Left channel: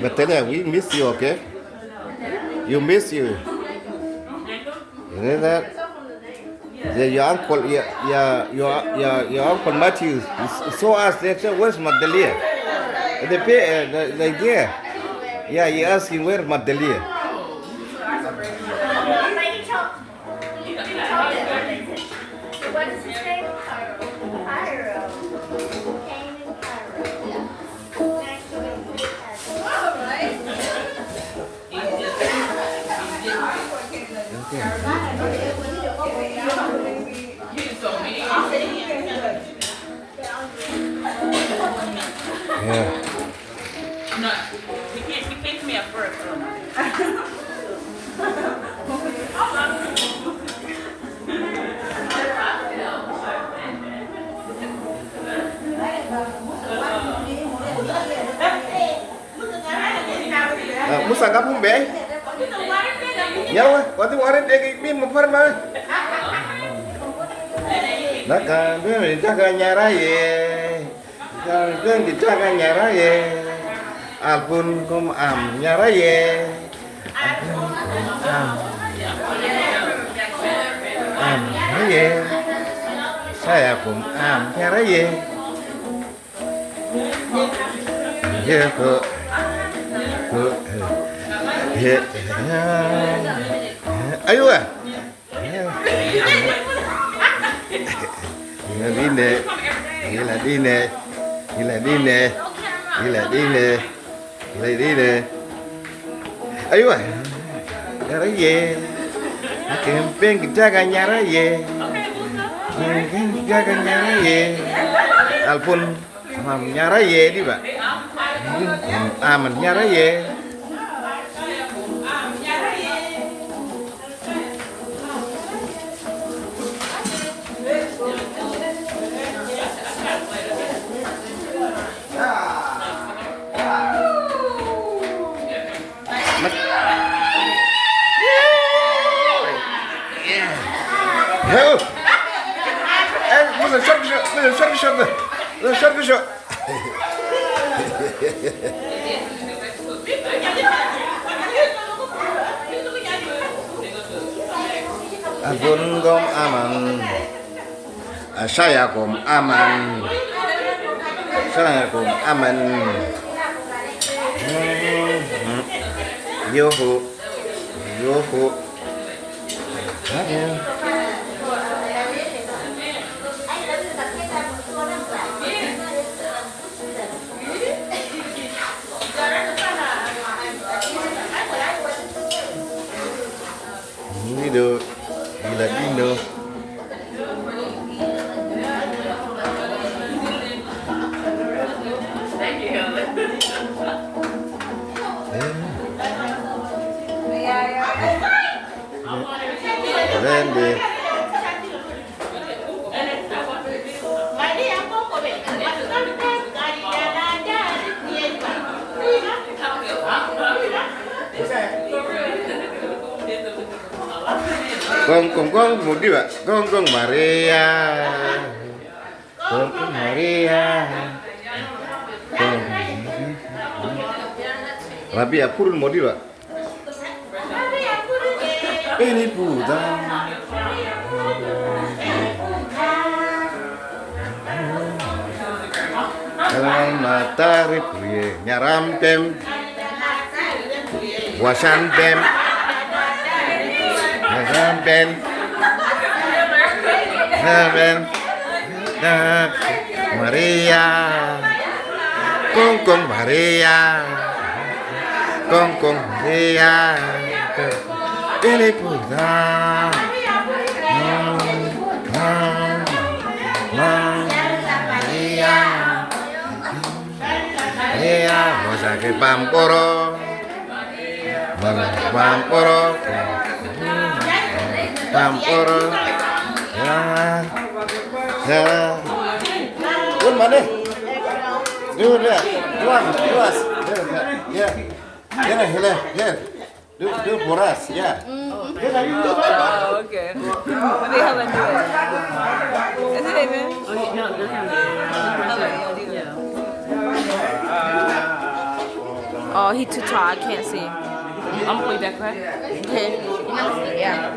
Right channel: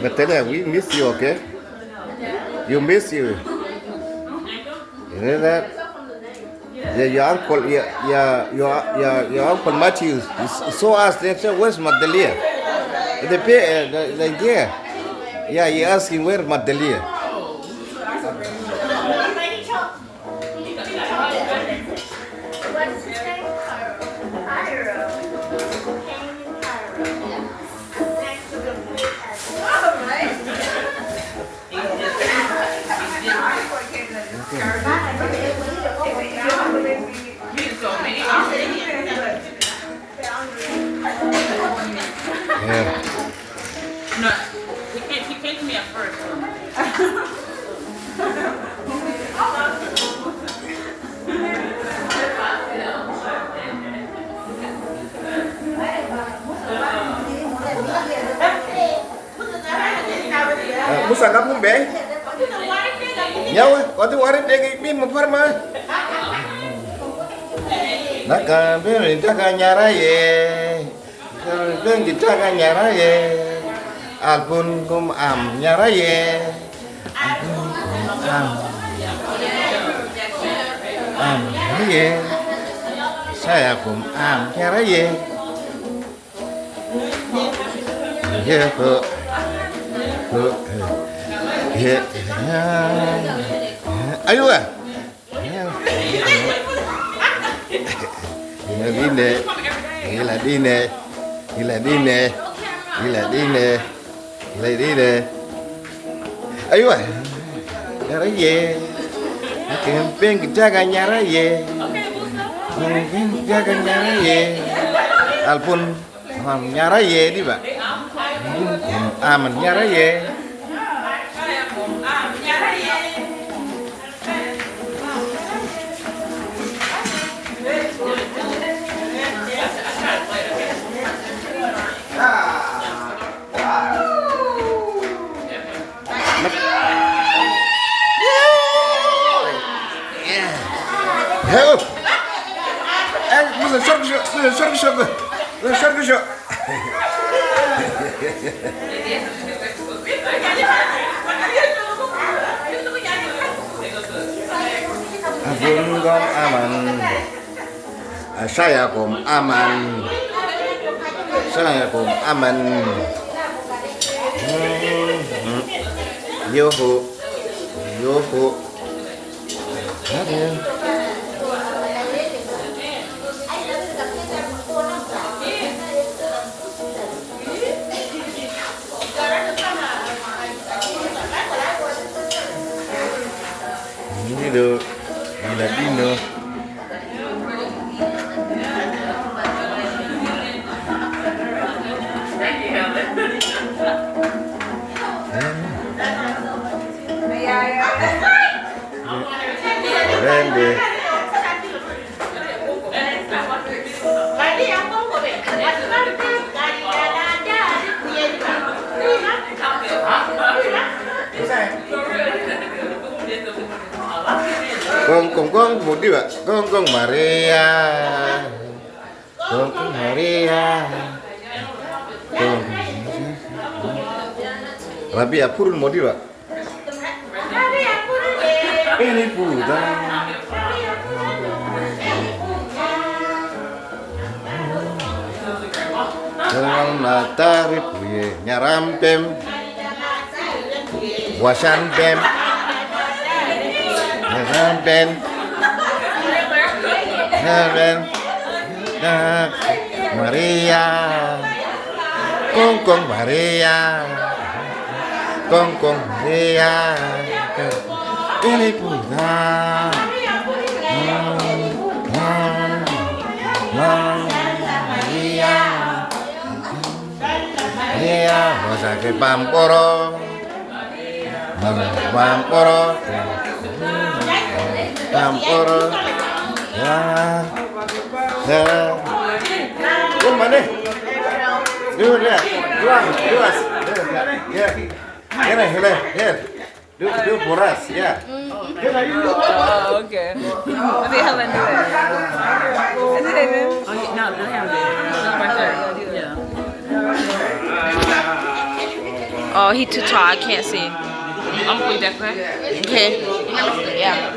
But then we miss you, okay? You miss you. You know that? Yeah, your uncle, your uncle Matthew, saw us. They said, "Where's Magdalene?" They pay, yeah. He asking where's Magdalene. What is his name? Cairo. Came in Cairo. Next to the protest. All right. Yeah. No, he came to me at first. Musa kamu be? Nyawa, waktu warin degi bin memperma. Naka bin jaga nyara ye, bin jaga nyara ye, albun kum am nyara ye, am ye, saya kum am nyara ye, ye ayo ah. Gila. Ayo ah. Nyara ye. Kempeng jaga nyara ye. Jaga nyara ye. Alpun nyara ye di Pak. Aman nyara ye. Heo. Musa şarkı. Abun gom aman, saya gom aman, Yoho. Ini do, gila dino. Keren deh. Gong mau di Pak? Gong Maria. Rabi apurun mau di Pak? Ini putang. Dalam matahari puye nyarampem, wasan pem, nyarampen, Maria, Kung Maria, Kung Maria, ini punya, Maria, Maria, masa ke Pamporo, Pamporo, Pamporo, ya. Yeah. Good money. Do that. Do us. Yeah. Here. Do for us. Yeah. Oh, okay. Let me Helen do it. Is it David? Okay, no, do him. Oh, he too tall. I can't see. I'm putting that back. Okay. Yeah.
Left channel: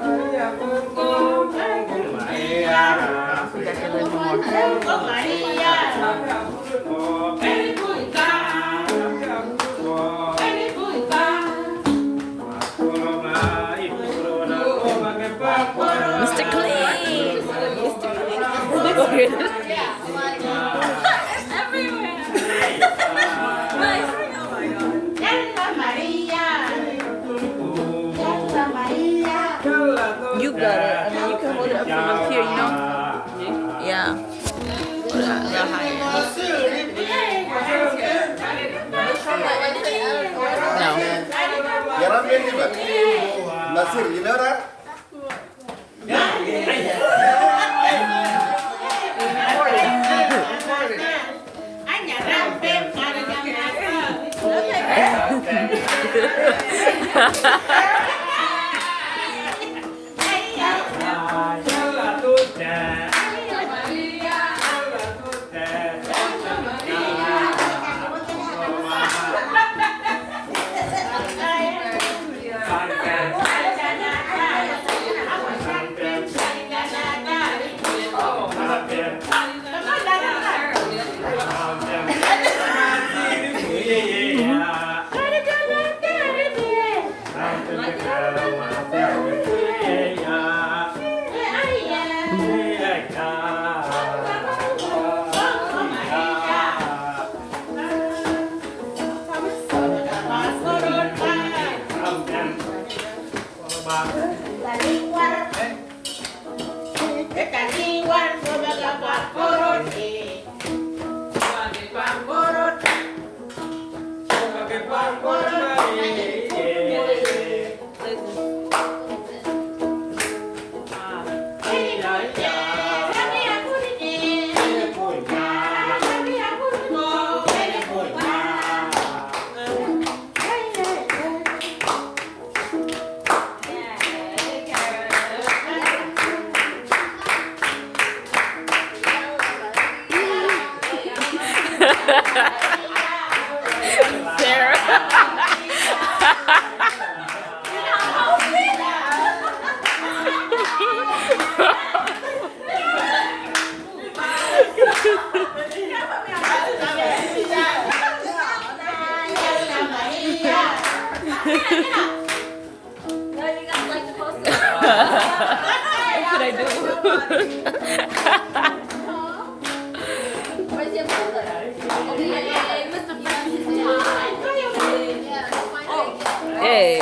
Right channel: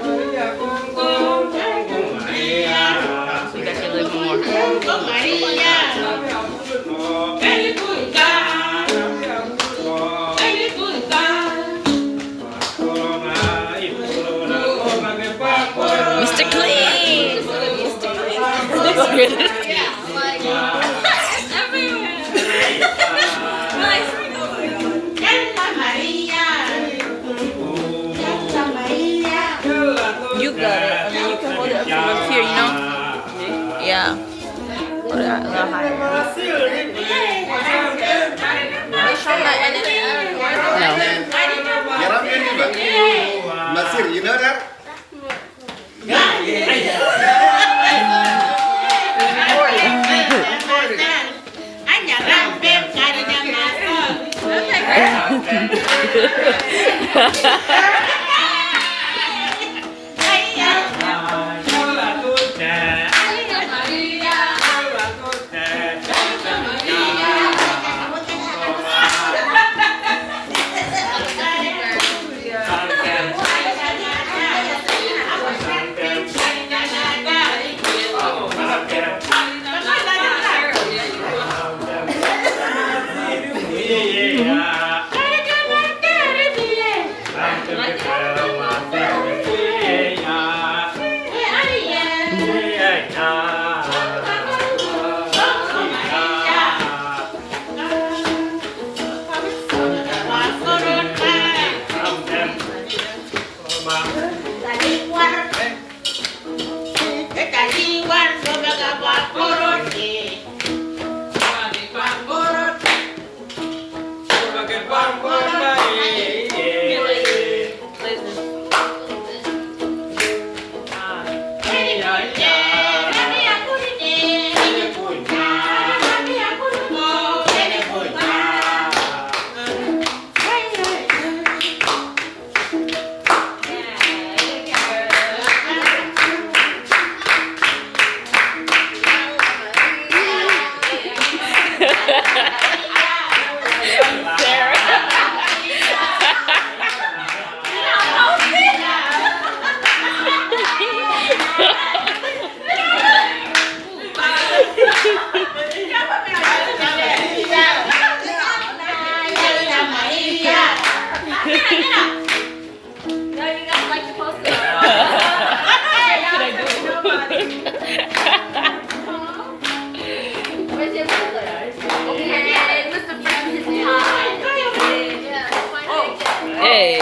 You got your little more. Mr. Clean. Mr. Clean. You got it. I mean, you can hold it up from up here, you know? Yeah. Hold it a little higher. No. Nasir, you know that? Hey.